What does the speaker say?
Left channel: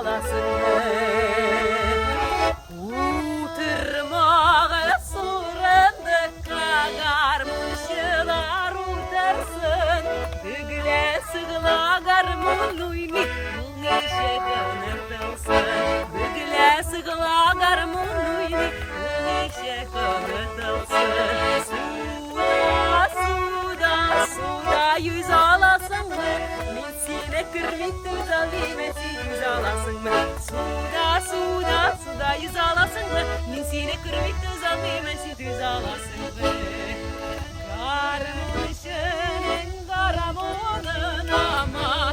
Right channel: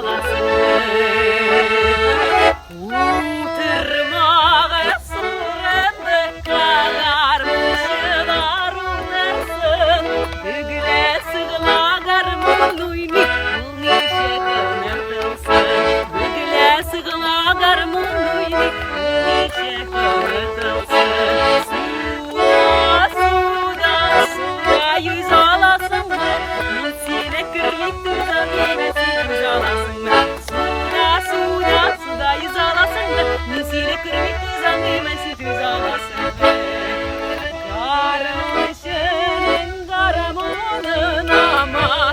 alasın Uğtırmağa surende kagar Mılar uğtarsın Ügüle sığlagar Mıluyni Mılnice könetılsın Ügüle sığlagar Mıluyni Mılnice könetılsın Suda yüz alasın mı? Sine kırmik tuzan yemesi yüz alasın mı? Suda yüz alasın mı? Sine kırmik tuzan yemesi yüz alasın mı? Karmışın, karamanın ama